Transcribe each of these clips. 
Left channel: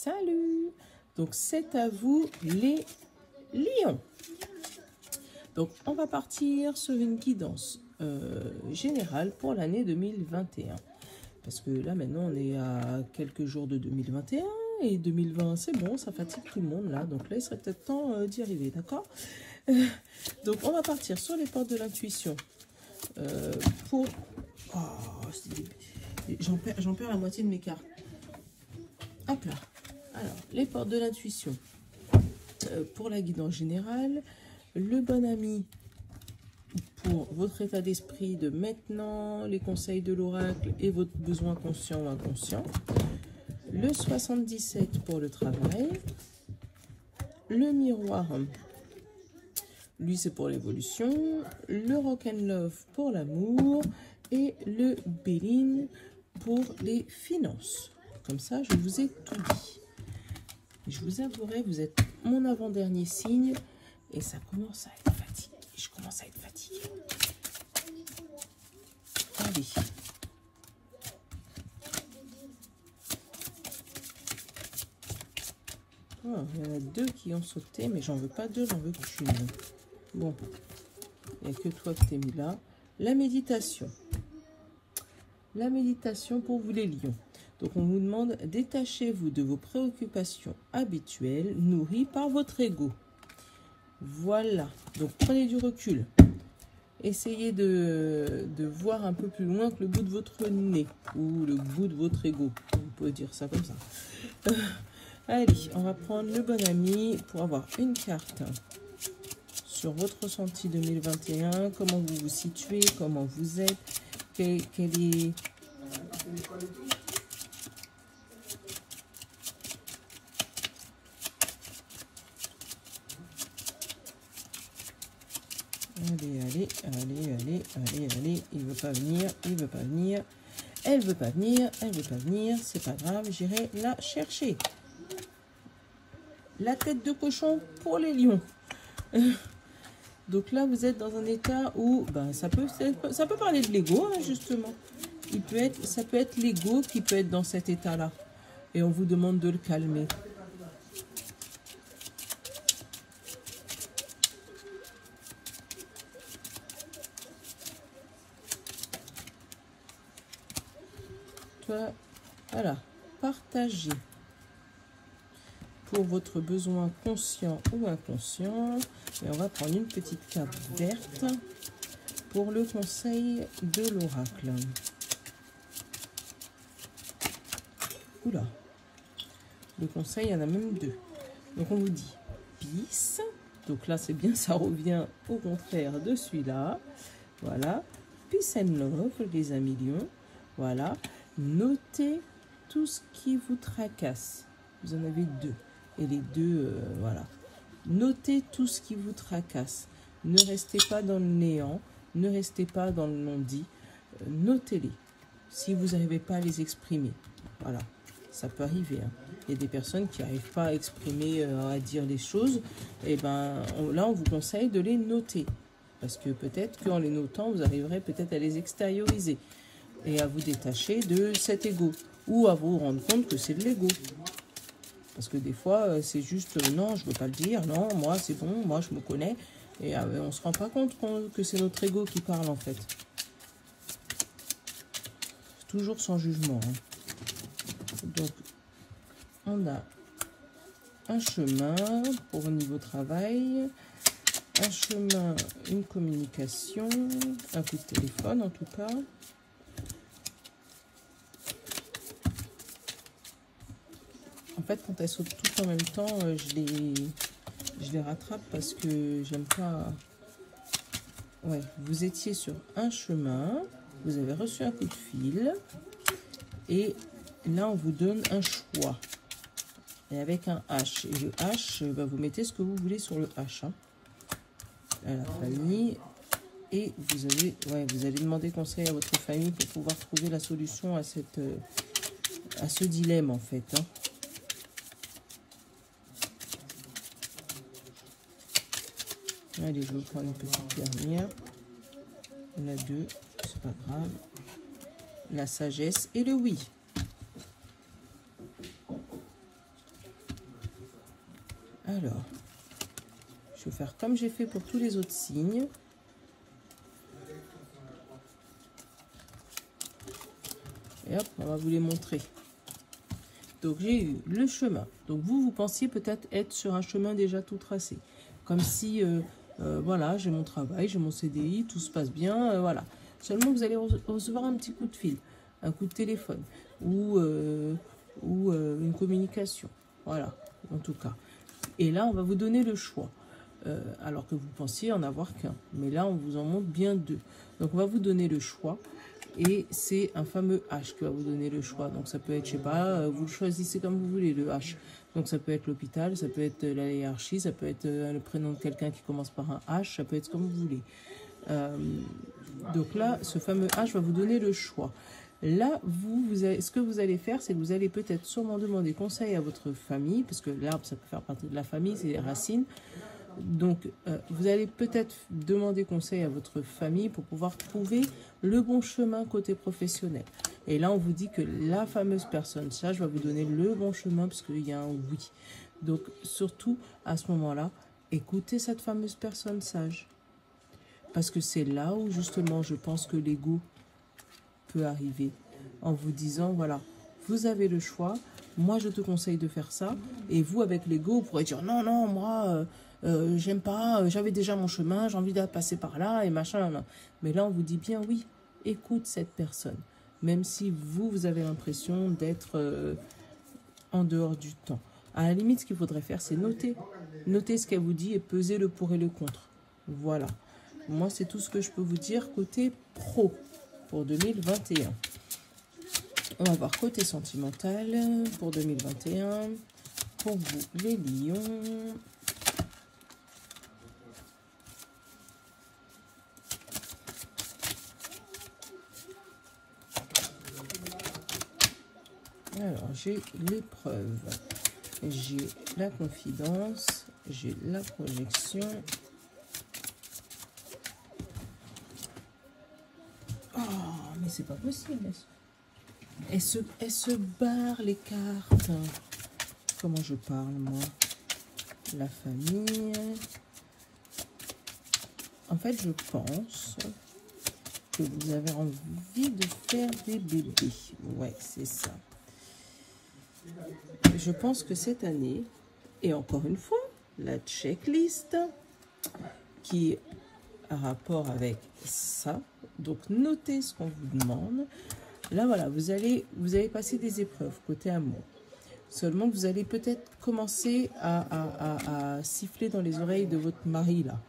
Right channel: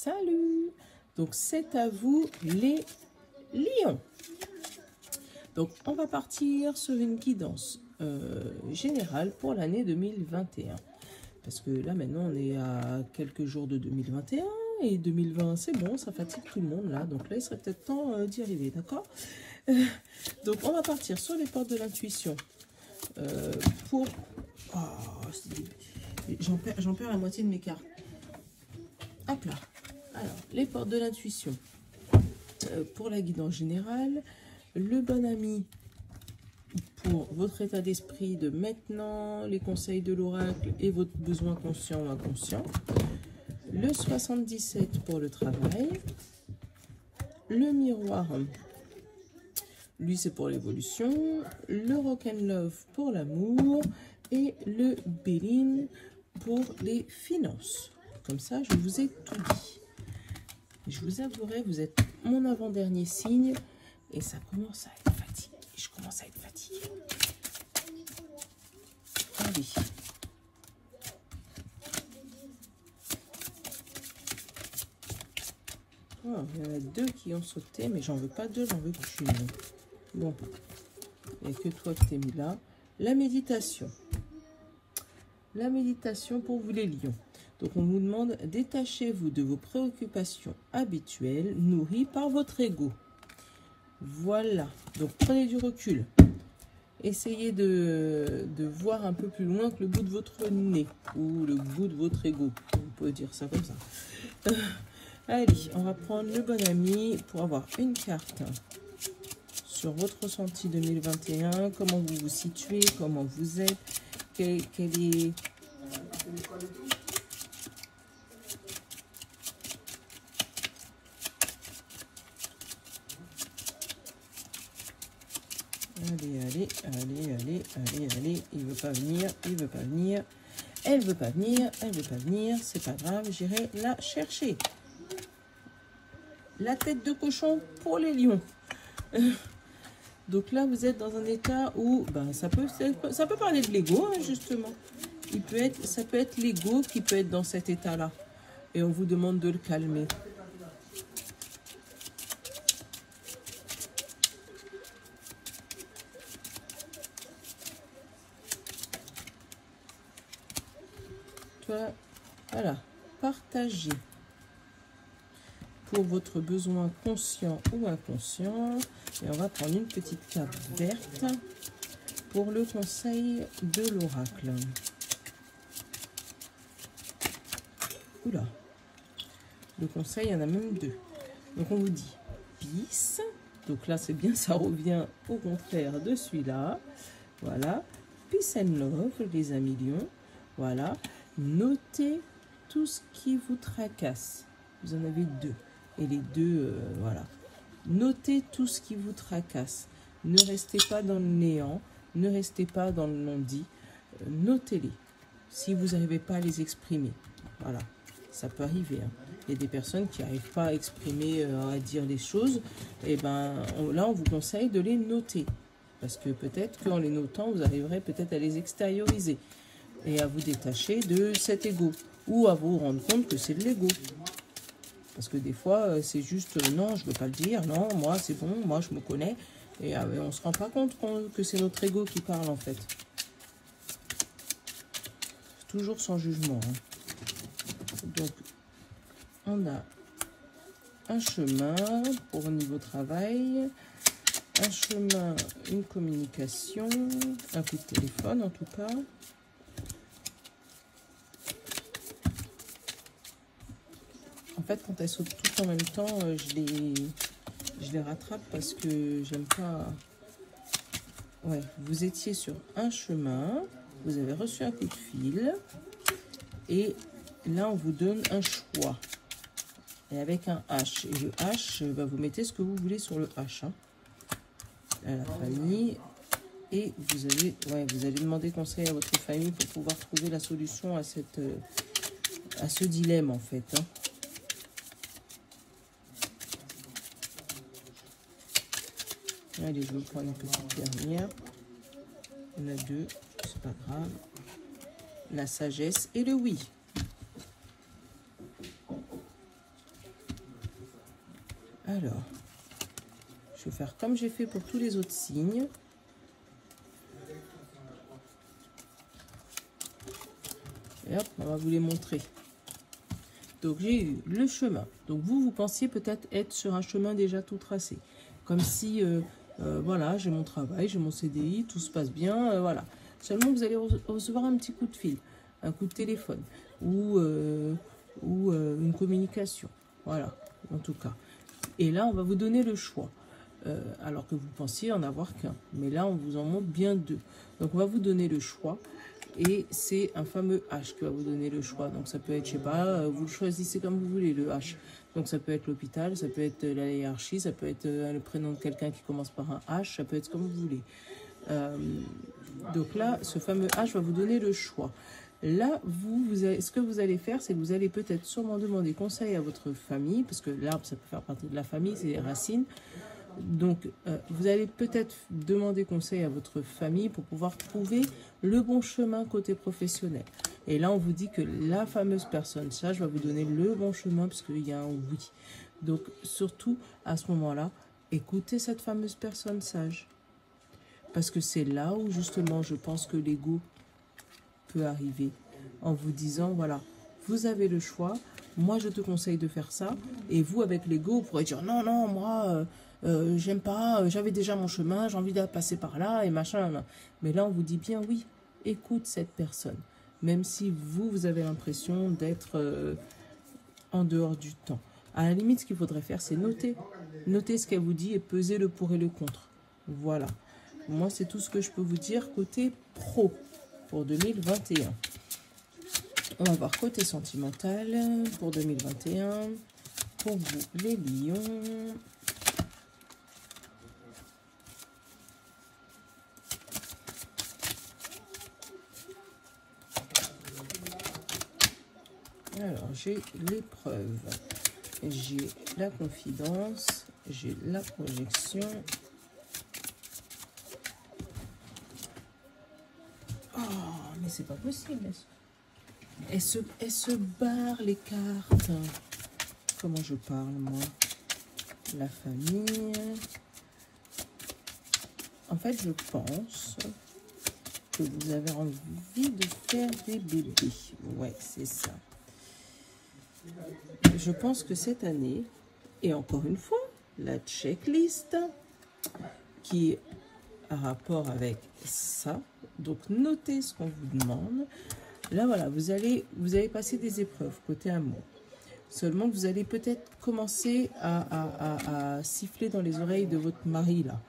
Salut! Donc, c'est à vous les lions. Donc, on va partir sur une guidance générale pour l'année 2021. Parce que là, maintenant, on est à quelques jours de 2021 et 2020, c'est bon, ça fatigue tout le monde là. Donc là, il serait peut-être temps d'y arriver, d'accord? Donc, on va partir sur les portes de l'intuition pour... Oh, j'en perds la moitié de mes cartes. Hop là. Alors, les portes de l'intuition pour la guidance générale, le bon ami pour votre état d'esprit de maintenant, les conseils de l'oracle et votre besoin conscient ou inconscient, le 77 pour le travail, le miroir, lui c'est pour l'évolution, le rock and love pour l'amour et le Béline pour les finances. Comme ça, je vous ai tout dit. Je vous avouerai, vous êtes mon avant-dernier signe et ça commence à être fatigué. Je commence à être fatiguée. Allez. Oh, il y en a deux qui ont sauté, mais j'en veux pas deux, j'en veux qu'une. Bon, il n'y a que toi que t'es mis là. La méditation. La méditation pour vous les lions. Donc, on vous demande, détachez-vous de vos préoccupations habituelles nourries par votre ego. Voilà. Donc, prenez du recul. Essayez de voir un peu plus loin que le bout de votre nez ou le bout de votre ego. On peut dire ça comme ça. Allez, on va prendre le bon ami pour avoir une carte sur votre ressenti 2021. Comment vous vous situez, comment vous êtes, quel est... Allez, il veut pas venir, elle veut pas venir, c'est pas grave, j'irai la chercher. La tête de cochon pour les lions. Donc là, vous êtes dans un état où, ben, ça peut parler de l'ego, hein, justement. Ça peut être l'ego qui peut être dans cet état-là. Et on vous demande de le calmer. Voilà, partagez pour votre besoin conscient ou inconscient. Et on va prendre une petite carte verte pour le conseil de l'oracle. Oula, le conseil, il y en a même deux. Donc on vous dit peace. Donc là, c'est bien, ça revient au contraire de celui-là. Voilà, peace and love, les amis lions. Voilà. Notez tout ce qui vous tracasse. Vous en avez deux. Et les deux, voilà. Notez tout ce qui vous tracasse. Ne restez pas dans le néant. Ne restez pas dans le non-dit. Notez-les. Si vous n'arrivez pas à les exprimer. Voilà. Ça peut arriver. Hein. Il y a des personnes qui n'arrivent pas à exprimer, à dire les choses. Et ben là, on vous conseille de les noter. Parce que peut-être qu'en les notant, vous arriverez peut-être à les extérioriser. Et à vous détacher de cet ego. Ou à vous rendre compte que c'est de l'ego. Parce que des fois, c'est juste, non, je ne veux pas le dire. Non, moi, c'est bon. Moi, je me connais. Et on ne se rend pas compte que c'est notre ego qui parle, en fait. Toujours sans jugement. Hein. Donc, on a un chemin pour au niveau travail. Un chemin, une communication. Un coup de téléphone, en tout cas. En fait, quand elles sautent toutes en même temps, je les rattrape parce que j'aime pas... Ouais, vous étiez sur un chemin, vous avez reçu un coup de fil, et là, on vous donne un choix. Et avec un H. Et le H, bah, vous mettez ce que vous voulez sur le H. Hein. À la famille. Et vous allez demander conseil à votre famille pour pouvoir trouver la solution à ce dilemme, en fait. Hein. Allez, je vais prendre une petite dernière. On a deux, c'est pas grave. La sagesse et le oui. Alors, je vais faire comme j'ai fait pour tous les autres signes. Et hop, on va vous les montrer. Donc, j'ai eu le chemin. Donc, vous pensiez peut-être être sur un chemin déjà tout tracé. Comme si, voilà, j'ai mon travail, j'ai mon CDI, tout se passe bien, voilà. Seulement, vous allez recevoir un petit coup de fil, un coup de téléphone ou une communication. Voilà, en tout cas. Et là, on va vous donner le choix. Alors que vous pensiez en avoir qu'un. Mais là, on vous en montre bien deux. Donc, on va vous donner le choix. Et c'est un fameux H qui va vous donner le choix. Donc, ça peut être, je sais pas, vous le choisissez comme vous voulez, le H. Donc, ça peut être l'hôpital, ça peut être la hiérarchie, ça peut être le prénom de quelqu'un qui commence par un H, ça peut être comme vous voulez. Donc là, ce fameux H va vous donner le choix. Là, ce que vous allez faire, c'est que vous allez peut-être sûrement demander conseil à votre famille, parce que l'arbre, ça peut faire partie de la famille, c'est les racines. Donc, vous allez peut-être demander conseil à votre famille pour pouvoir trouver le bon chemin côté professionnel. Et là, on vous dit que la fameuse personne sage va vous donner le bon chemin parce qu'il y a un oui. Donc, surtout, à ce moment-là, écoutez cette fameuse personne sage. Parce que c'est là où, justement, je pense que l'ego peut arriver en vous disant, voilà, vous avez le choix, moi, je te conseille de faire ça. Et vous, avec l'ego, vous pourrez dire, non, non, moi... j'aime pas, j'avais déjà mon chemin, j'ai envie de passer par là et machin. Mais là, on vous dit bien oui, écoute cette personne. Même si vous avez l'impression d'être en dehors du temps. À la limite, ce qu'il faudrait faire, c'est noter. Noter ce qu'elle vous dit et peser le pour et le contre. Voilà. Moi, c'est tout ce que je peux vous dire côté pro pour 2021. On va voir côté sentimental pour 2021. Pour vous, les lions. Alors, j'ai l'épreuve, j'ai la confidence, j'ai la projection. Oh, mais c'est pas possible. Elle se barre les cartes. Comment je parle, moi? La famille. En fait, je pense que vous avez envie de faire des bébés. Ouais, c'est ça. Je pense que cette année, et encore une fois, la checklist qui est en rapport avec ça, donc notez ce qu'on vous demande. Là, voilà, vous allez passer des épreuves côté amour. Seulement, vous allez peut-être commencer à siffler dans les oreilles de votre mari, là.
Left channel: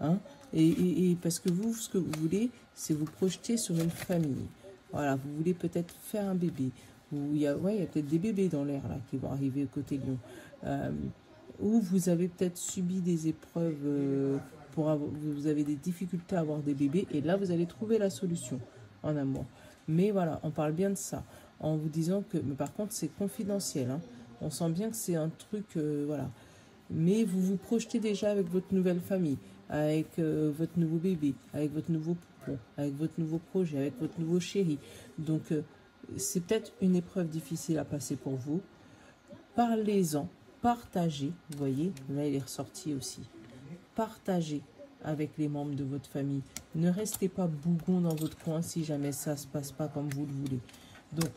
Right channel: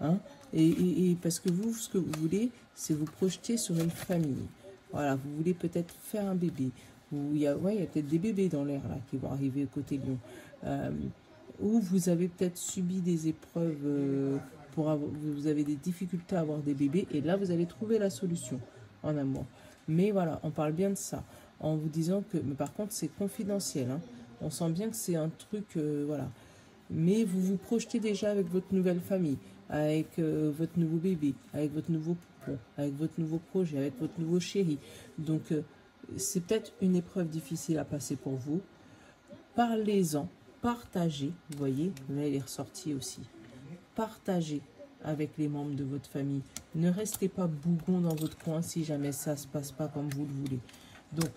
Hein, et parce que vous, ce que vous voulez, c'est vous projeter sur une famille. Voilà, vous voulez peut-être faire un bébé. Il y a peut-être des bébés dans l'air là qui vont arriver côté lion. Ou vous avez peut-être subi des épreuves, vous avez des difficultés à avoir des bébés. Et là, vous allez trouver la solution en amour. Mais voilà, on parle bien de ça. En vous disant que, mais par contre, c'est confidentiel. Hein. On sent bien que c'est un truc, voilà. Mais vous vous projetez déjà avec votre nouvelle famille, avec votre nouveau bébé, avec votre nouveau poupon, avec votre nouveau projet, avec votre nouveau chéri. Donc, c'est peut-être une épreuve difficile à passer pour vous. Parlez-en, partagez. Vous voyez, là, il est ressorti aussi. Partagez avec les membres de votre famille. Ne restez pas bougon dans votre coin si jamais ça ne se passe pas comme vous le voulez. Donc,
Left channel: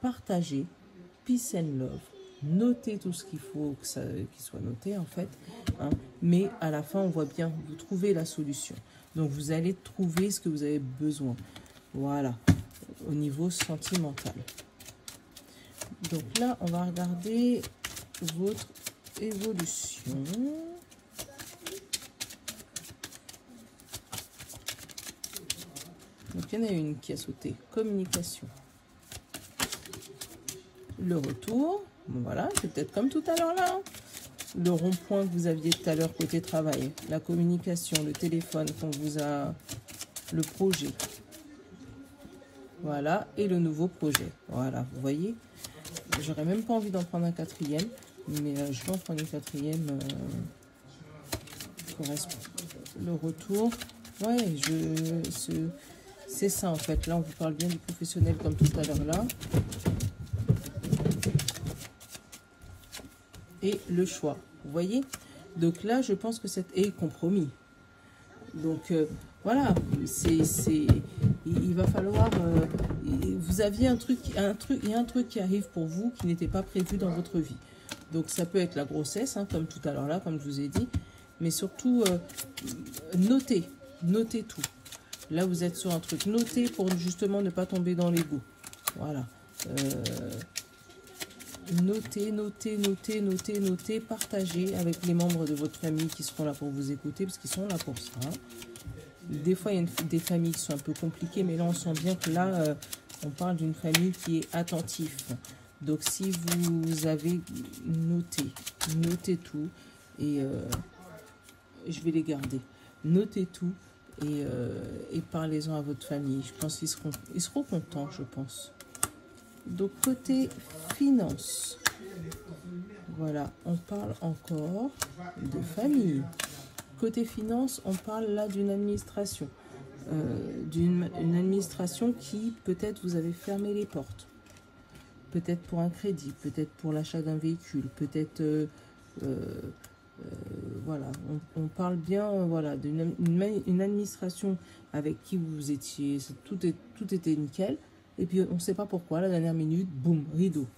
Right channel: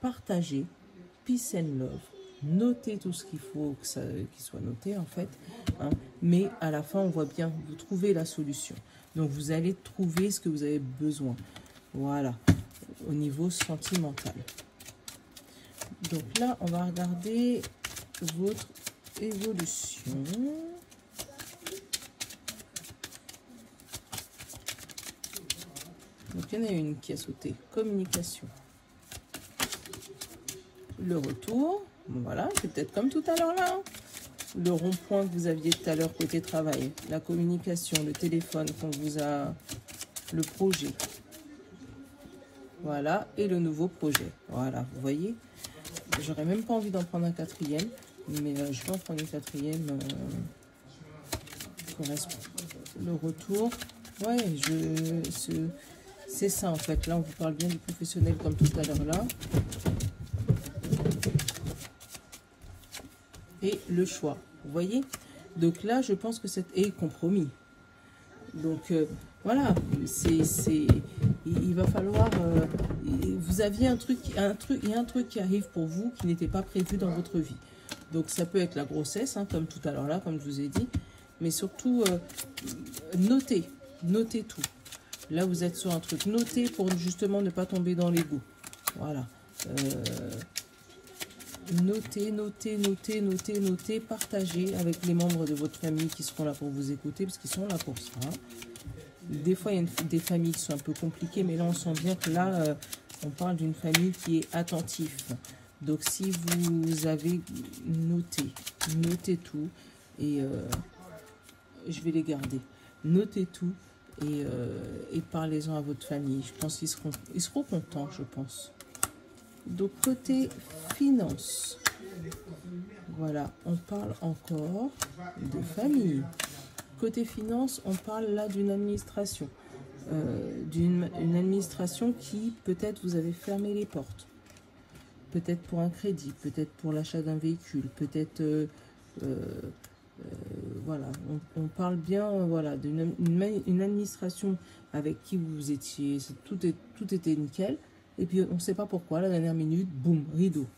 partagez, peace and love. Notez tout ce qu'il faut qu'il soit noté, en fait. Hein. Mais à la fin, on voit bien, vous trouvez la solution. Donc, vous allez trouver ce que vous avez besoin. Voilà. Au niveau sentimental. Donc là, on va regarder votre évolution. Donc il y en a une qui a sauté. Communication. Le retour. Voilà, c'est peut-être comme tout à l'heure là. Hein. Le rond-point que vous aviez tout à l'heure côté travail. La communication, le téléphone qu'on vous a... Le projet. Voilà, et le nouveau projet. Voilà, vous voyez. J'aurais même pas envie d'en prendre un quatrième, mais je vais en prendre une quatrième. Correspond. Le retour. Ouais, c'est ça en fait. Là, on vous parle bien du professionnel comme tout à l'heure là. Et le choix. Vous voyez, Donc là, je pense que c'est compromis. Donc voilà, il va falloir, vous aviez il y a un truc qui arrive pour vous qui n'était pas prévu dans votre vie. Donc ça peut être la grossesse, hein, comme tout à l'heure là, comme je vous ai dit, mais surtout notez tout. Là vous êtes sur un truc, notez pour justement ne pas tomber dans l'égout. Voilà. Notez, partagez avec les membres de votre famille qui seront là pour vous écouter, parce qu'ils sont là pour ça. Des fois, il y a des familles qui sont un peu compliquées, mais là, on sent bien que là, on parle d'une famille qui est attentive. Donc, si vous avez notez tout, et je vais les garder. Notez tout, et parlez-en à votre famille. Je pense qu'ils seront contents, je pense. Donc, côté finance, voilà, on parle encore de famille. Côté finance, on parle là d'une administration. Une administration qui, peut-être, vous avez fermé les portes. Peut-être pour un crédit, peut-être pour l'achat d'un véhicule, peut-être... voilà, on parle bien voilà, d'une administration avec qui vous étiez... Tout était nickel. Et puis, on ne sait pas pourquoi, la dernière minute, boum, rideau.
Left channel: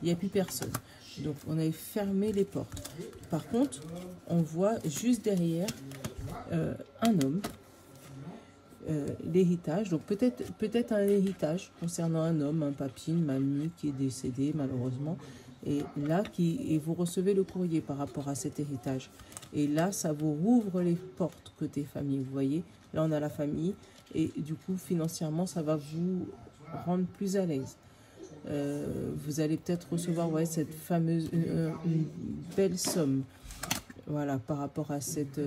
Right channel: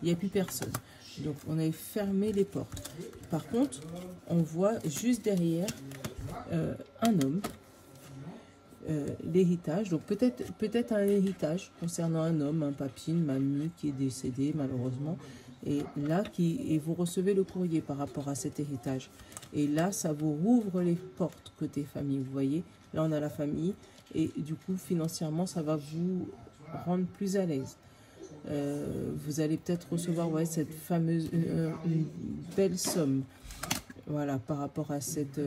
Il n'y a plus personne. Donc, on avait fermé les portes. Par contre, on voit juste derrière un homme, l'héritage. Donc, peut-être un héritage concernant un homme, un papy, une mamie qui est décédé, malheureusement. Et là, et vous recevez le courrier par rapport à cet héritage. Et là, ça vous rouvre les portes côté famille. Vous voyez, là, on a la famille. Et du coup, financièrement, ça va vous rendre plus à l'aise. Vous allez peut-être recevoir cette fameuse une belle somme, voilà, par rapport à cet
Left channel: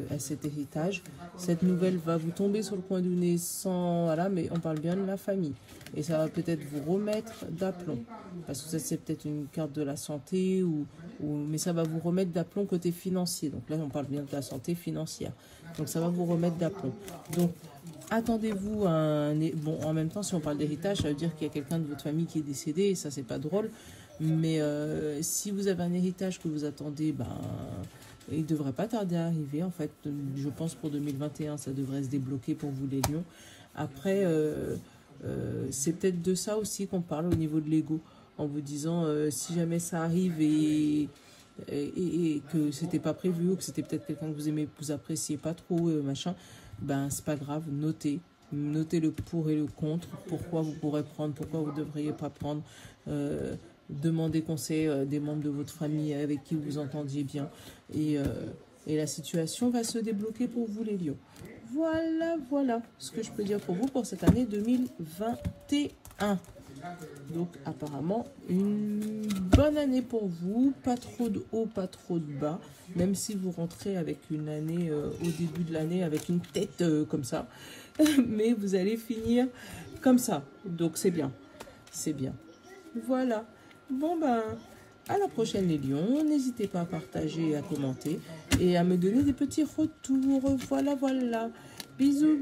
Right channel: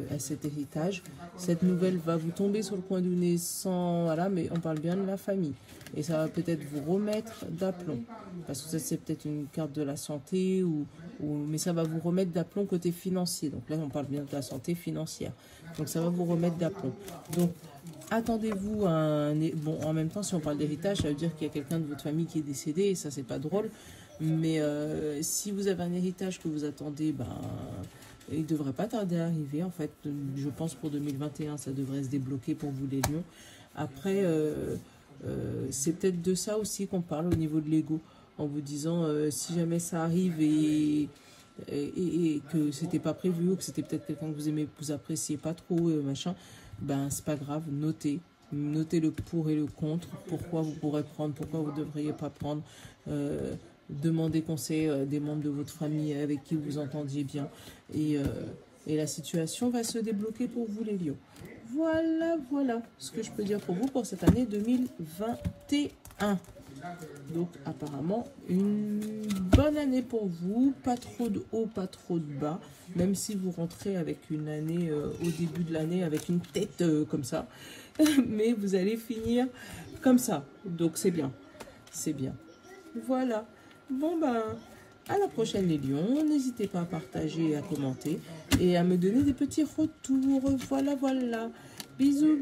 héritage. Cette nouvelle va vous tomber sur le coin du nez sans, voilà, mais on parle bien de la famille. Et ça va peut-être vous remettre d'aplomb, parce que ça c'est peut-être une carte de la santé, mais ça va vous remettre d'aplomb côté financier. Donc là on parle bien de la santé financière, donc ça va vous remettre d'aplomb. Donc attendez-vous à un... Bon, en même temps, si on parle d'héritage, ça veut dire qu'il y a quelqu'un de votre famille qui est décédé, et ça, c'est pas drôle. Mais si vous avez un héritage que vous attendez, il ne devrait pas tarder à arriver. En fait, je pense pour 2021, ça devrait se débloquer pour vous, les lions. Après, c'est peut-être de ça aussi qu'on parle au niveau de l'ego, en vous disant, si jamais ça arrive et que c'était pas prévu, ou que c'était peut-être quelqu'un que vous aimez, que vous appréciez pas trop, machin... c'est pas grave, notez le pour et le contre, pourquoi vous pourrez prendre, pourquoi vous ne devriez pas prendre, demandez conseil des membres de votre famille avec qui vous entendiez bien, et la situation va se débloquer pour vous les lions. Voilà ce que je peux dire pour vous pour cette année 2021. Donc apparemment une bonne année pour vous, pas trop de haut, pas trop de bas, même si vous rentrez avec une année au début de l'année avec une tête comme ça, mais vous allez finir comme ça, donc c'est bien, voilà. Bon à la prochaine les lions, n'hésitez pas à partager, à commenter et à me donner des petits retours. Voilà, bisous